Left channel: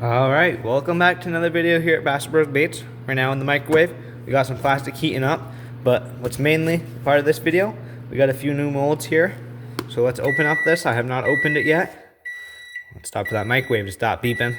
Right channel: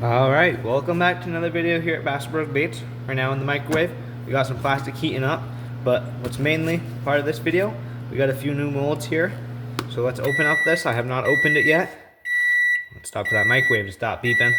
Alright, welcome back to another video here at bassettbrosbaits. Right now in the microwave, we got some plastic heating up, but what's mainly part of this video, we got a few new molds here. So let's open up this. I have not opened it yet. Let's stop for that microwave to stop beeping.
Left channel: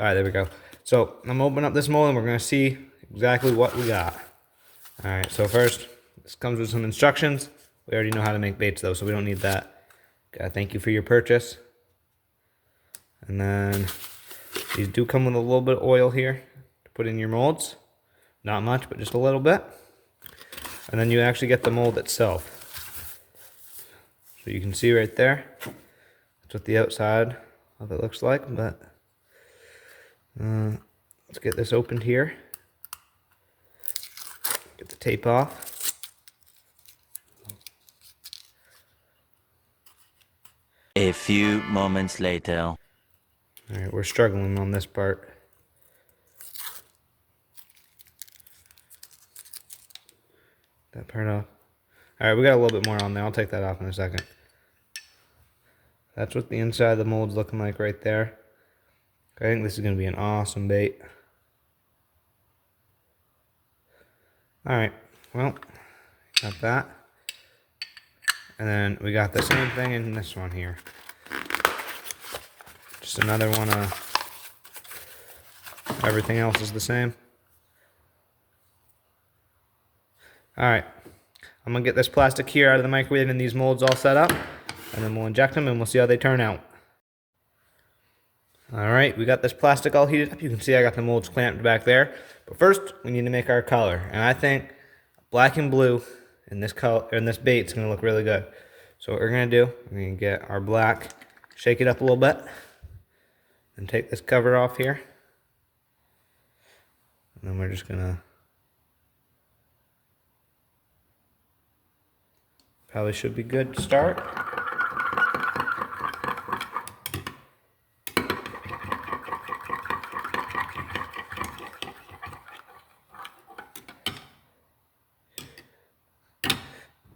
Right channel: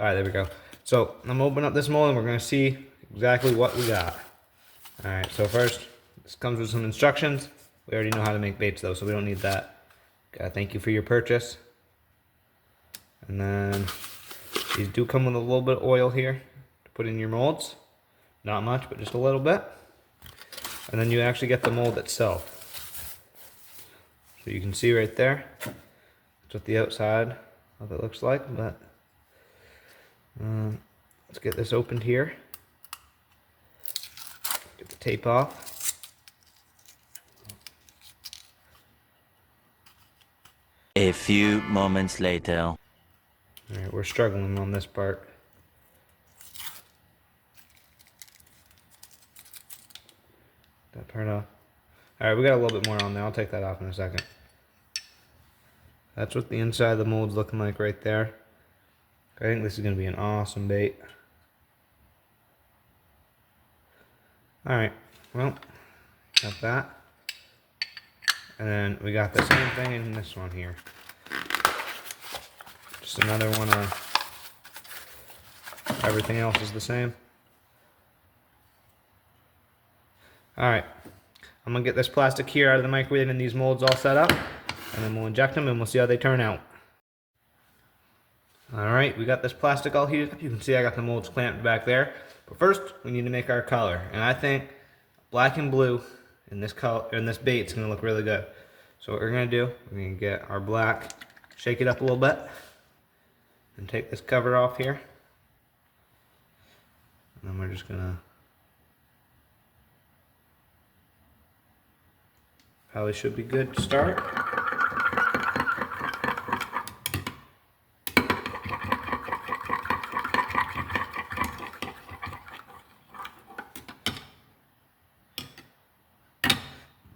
Alright, there we go. So I'm gonna open up this mold and we're gonna see exactly what we got. Alright, so first, this comes with some instructions. We already know how to make baits though, so we don't need that. Thank you for your purchase. And then these do come with a little bit of oil here to put in your molds. Not much, but just a little bit. And then you actually get the mold itself. So you can see right there, that's what the outside of it looks like. But let's get this opened here. Get the tape off. A few moments later. Alright, we're struggling on this part. That part off. Alright, we got a little bit more on there. I'll take that off in a second. That's what the inside of the mold's looking like right there. I think this is going to be an awesome bait. Alright, well, got that. And then we got the same thing in this one here. Just another one of everything else is the same. Alright, I'm going to get this plastic here out of the microwave and these molds all set up. And then we'll inject them and we'll see how they turn out. Alright, we got this plastic all heated up. You can see I got the molds clamped back there. But first, we need to make our color. And I think black and blue in this color, in this bait is going to look really good. So what we're going to do, we're going to get our black, shake it up a little bit. And take this cover off here. And then we're just going to probably should be good to start.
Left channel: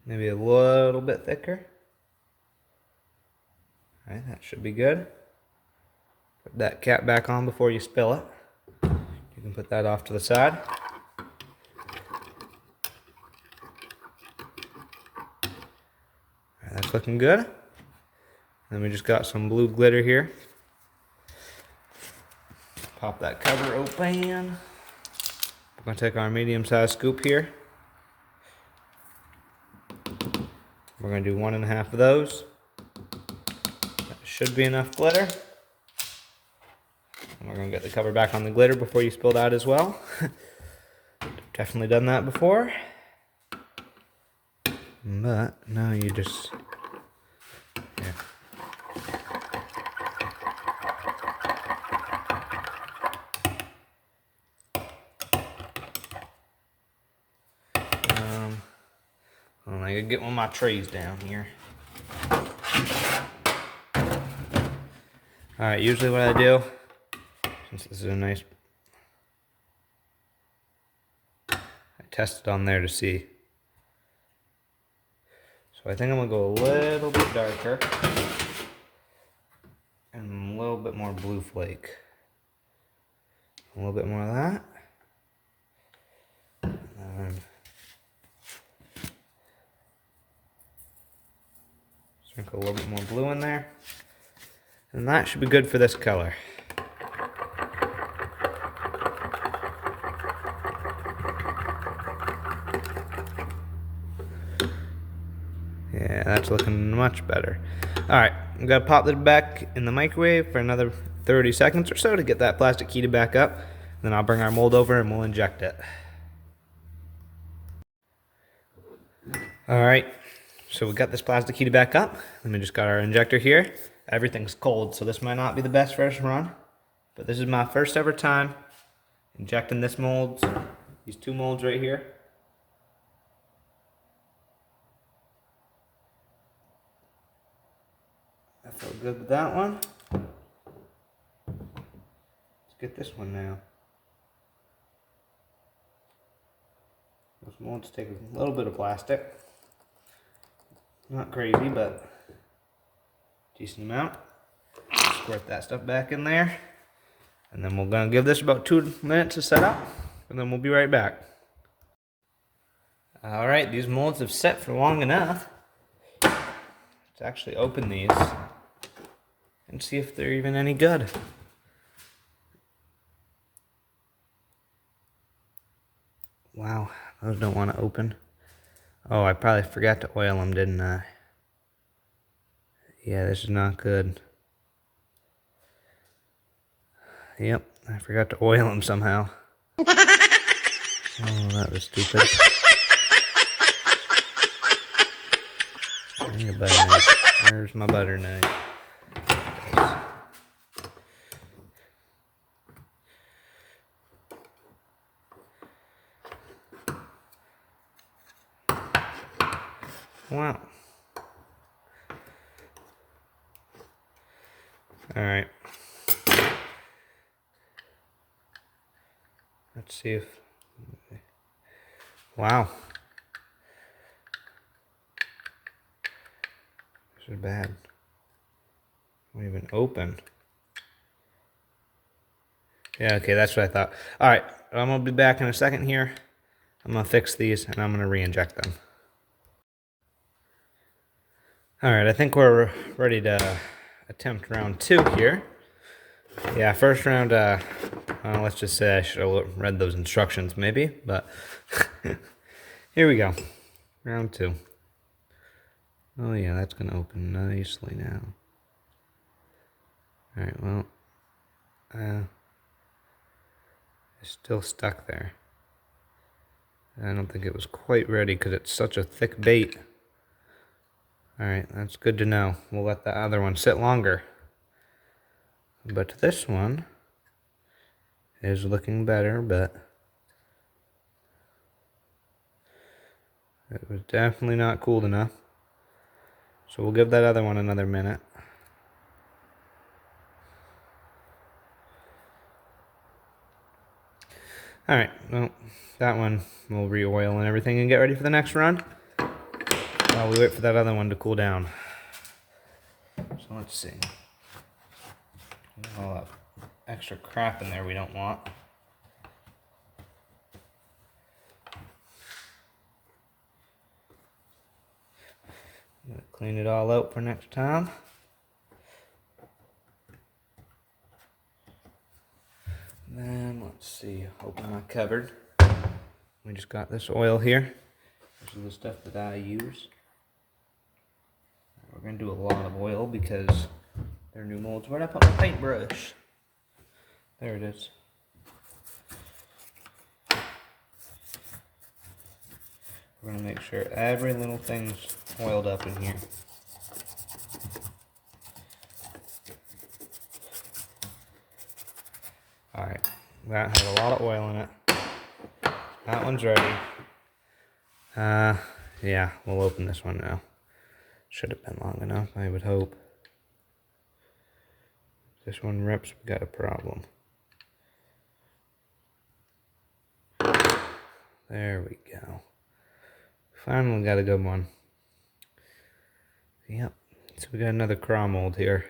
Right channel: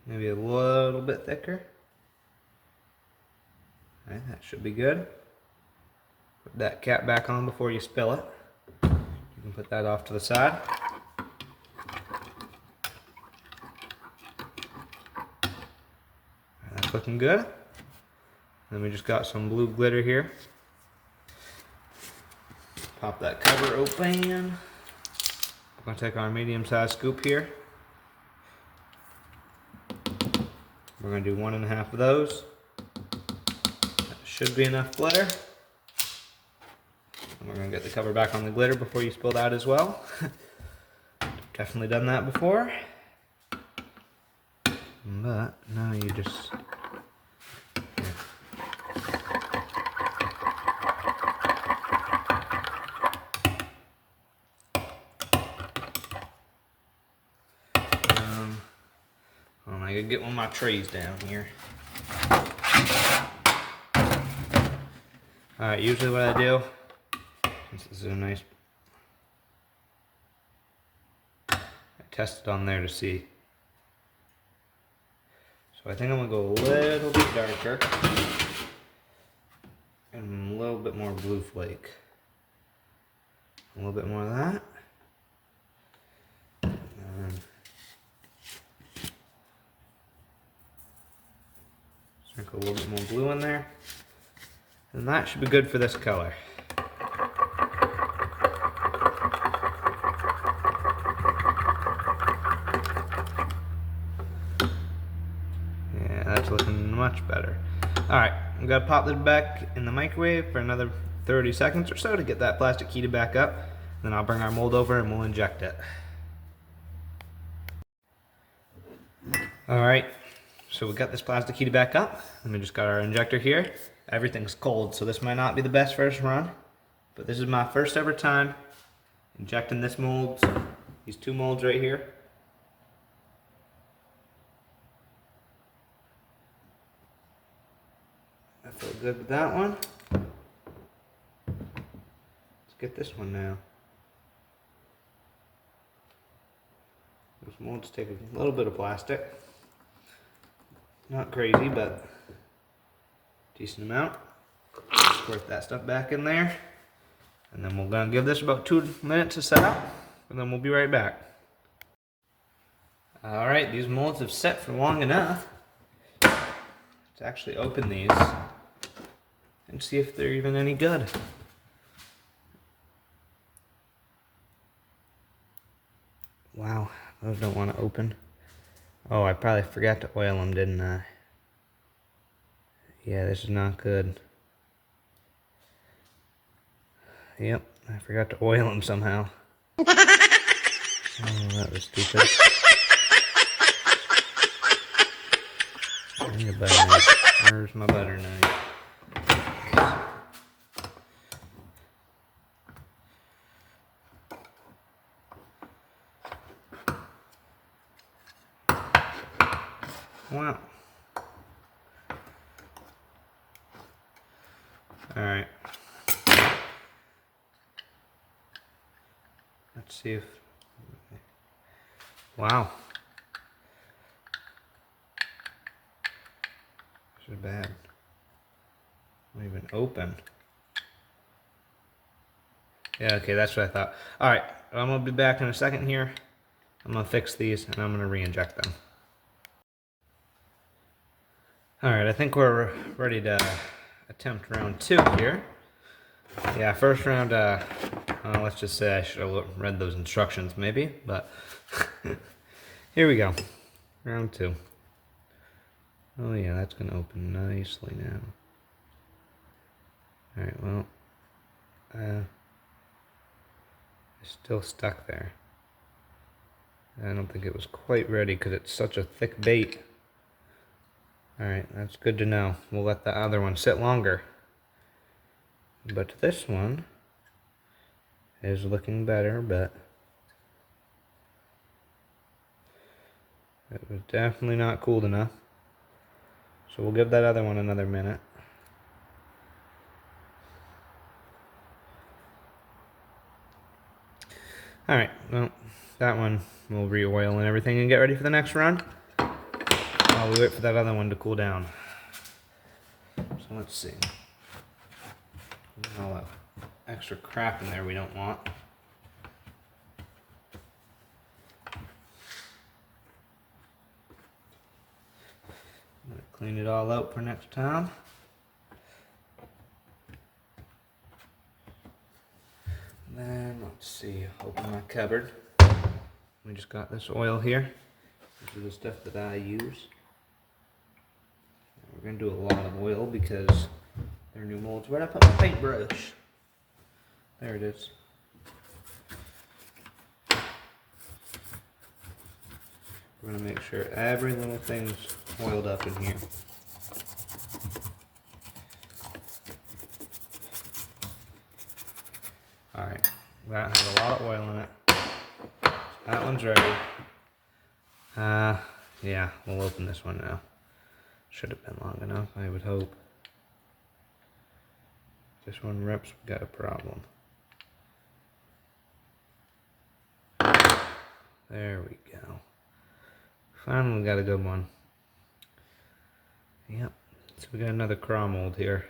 Maybe a little bit thicker. All right, that should be good. Put that cap back on before you spill it. You can put that off to the side. That's looking good. Then we just got some blue glitter here. Pop that cover open. We're going to take our medium-sized scoop here. We're going to do 1.5 of those. That should be enough glitter. And we're going to get the cover back on the glitter before you spill it out as well. Definitely done that before. But now you just... I gotta get one of my trays down here. Alright, usually what I do, since this is a nice... I test it on there to see. So I think I'm gonna go a little bit darker. And a little bit more blue flake. A little bit more of that. Sprinkle a little bit more blue in there. And that should be good for this color. Yeah, that's looking much better. Alright, I'm going to pop this back in the microwave for another 30 seconds or so to get that plastic heated back up. Then I'll bring our mold over and we'll inject it. Alright. So we got this plastic heated back up, and we just got our injector here. Everything's cold, so this might not be the best first run, but this is my first ever time injecting this mold, these two molds right here. I feel good with that one. Let's get this one now. Those molds take a little bit of plastic. Not crazy, but decent amount. Squirt that stuff back in there. And then we're gonna give this about 2 minutes to set up, and then we'll be right back. All right, these molds have set for long enough. Let's actually open these and see if they're even any good. Wow, those don't want to open. Oh, I probably forgot to oil them, didn't I? Yeah, this is not good. Yep, I forgot to oil them somehow. Oh, that was stupid. I need a butter knife. Where's my butter knife? Wow. All right. Let's see if... Wow. This is bad. Not even open. Yeah, okay, that's what I thought. All right, I'm gonna be back in a second here. I'm gonna fix these and I'm gonna re-inject them. All right, I think we're ready to attempt round 2 here. Yeah, first round, let's just say I should have read those instructions maybe, but here we go. Round 2. Oh yeah, that's gonna open nicely now. All right, well, it's still stuck there. I don't think it was quite ready because it's such a thick bait. Alright, that's good to know. We'll let the other one sit longer. But this one is looking better, but it was definitely not cooled enough. So we'll give that other one another minute. Alright, well, that one we'll re-oil and everything and get ready for the next run while we wait for that other one to cool down. So let's see. All that extra crap in there we don't want. I'm gonna clean it all out for next time. Then let's see, open my cupboard. We just got this oil here. This is the stuff that I use. We're gonna do a lot of oil because they're new molds. Where'd I put my paintbrush? There it is. We're gonna make sure every little thing's oiled up in here. Alright, that has a lot of oil in it. That one's ready. Yeah, we'll open this one now. Should have been long enough, I would hope. If this one rips, we got a problem. There we go. Finally got a good one. Yep, so we got another craw mold here.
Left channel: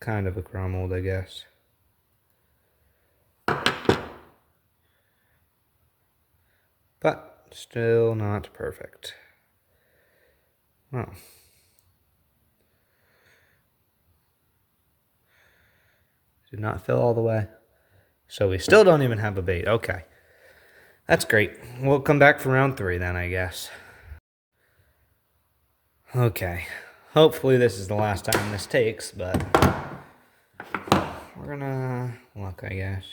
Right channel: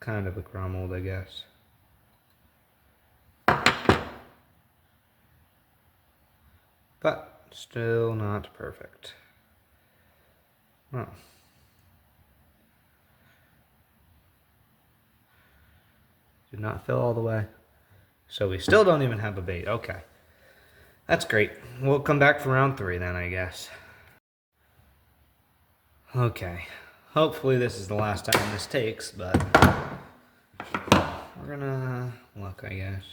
Kind of a craw mold, I guess. But still not perfect. No. Did not fill all the way. So we still don't even have a bait. Okay. That's great. We'll come back for round 3 then, I guess. Okay. Hopefully this is the last time this takes, but we're gonna look, I guess.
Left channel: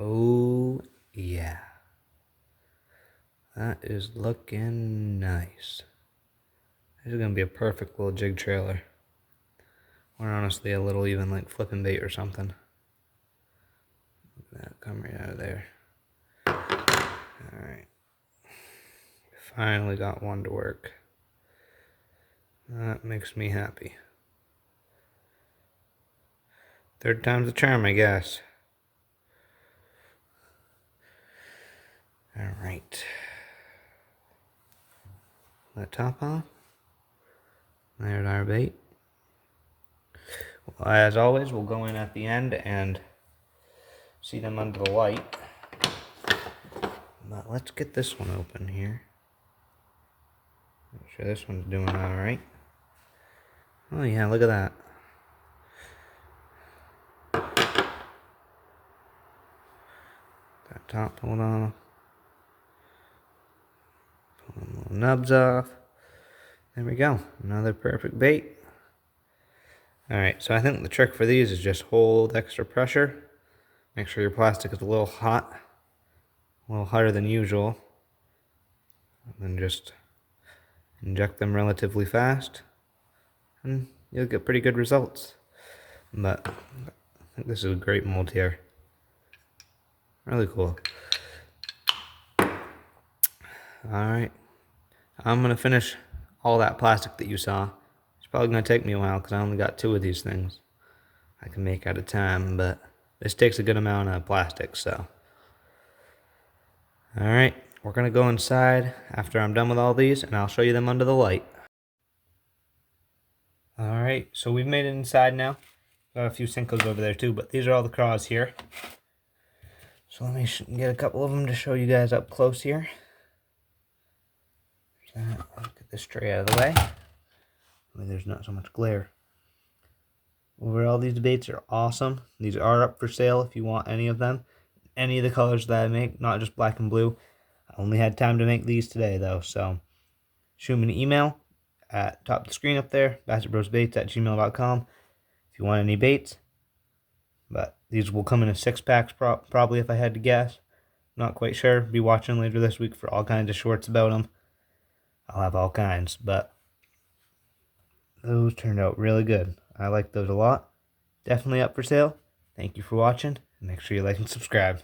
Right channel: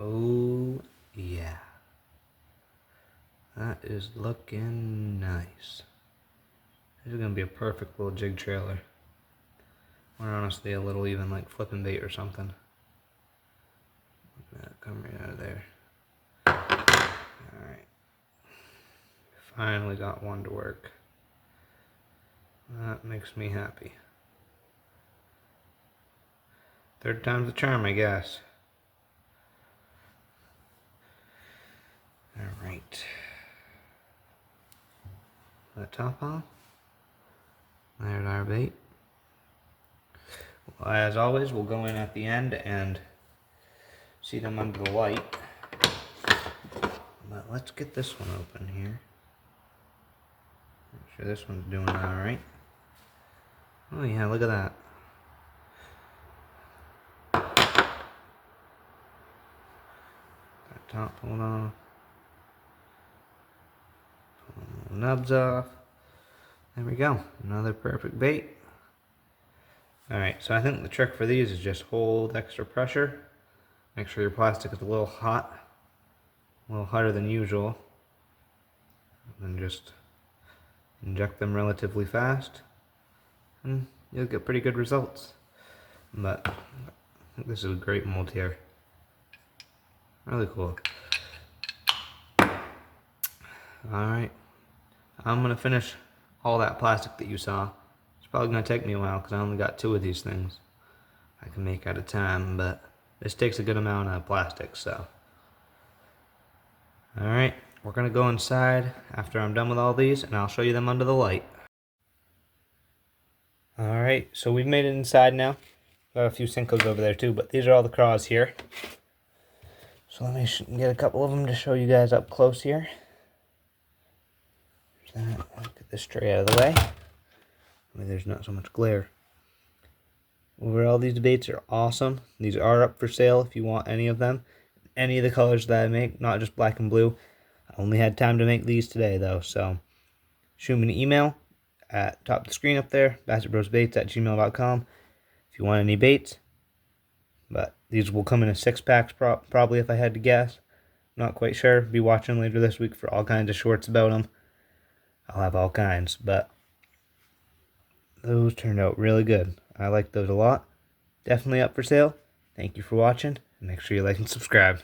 Oh, yeah. That is looking nice. This is gonna be a perfect little jig trailer. Or honestly, a little even like flipping bait or something. That come right out of there. Alright. Finally got one to work. That makes me happy. Third time's the charm, I guess. Alright. That top off. There's our bait. Well, as always, we'll go in at the end and see them under the light. But let's get this one open here. Make sure this one's doing alright. Oh yeah, look at that. That top pulled off. Pull the nubs off. There we go. Another perfect bait. Alright, so I think the trick for these is just hold extra pressure. Make sure your plastic is a little hot. A little hotter than usual. And then just inject them relatively fast. And you'll get pretty good results. But I think this is a great mold here. Really cool. Alright. I'm going to finish all that plastic that you saw. It's probably going to take me a while because I only got 2 of these things I can make at a time. But this takes a good amount of plastic, so. Alright. We're going to go inside after I'm done with all these, and I'll show you them under the light. Alright, so we've made it inside now. Got a few Sinkos over there too, but these are all the craws here. So let me get a couple of them to show you guys up close here. There's that. I'll get this tray out of the way. There's not so much glare. Overall, these baits are awesome. These are up for sale if you want any of them. Any of the colors that I make, not just black and blue. I only had time to make these today though, so shoot me an email at top of the screen up there, bassettbrosbaits@gmail.com if you want any baits. But these will come in a 6-pack probably if I had to guess. Not quite sure. Be watching later this week for all kinds of shorts about them. I'll have all kinds, but those turned out really good. I like those a lot. Definitely up for sale. Thank you for watching. Make sure you like and subscribe.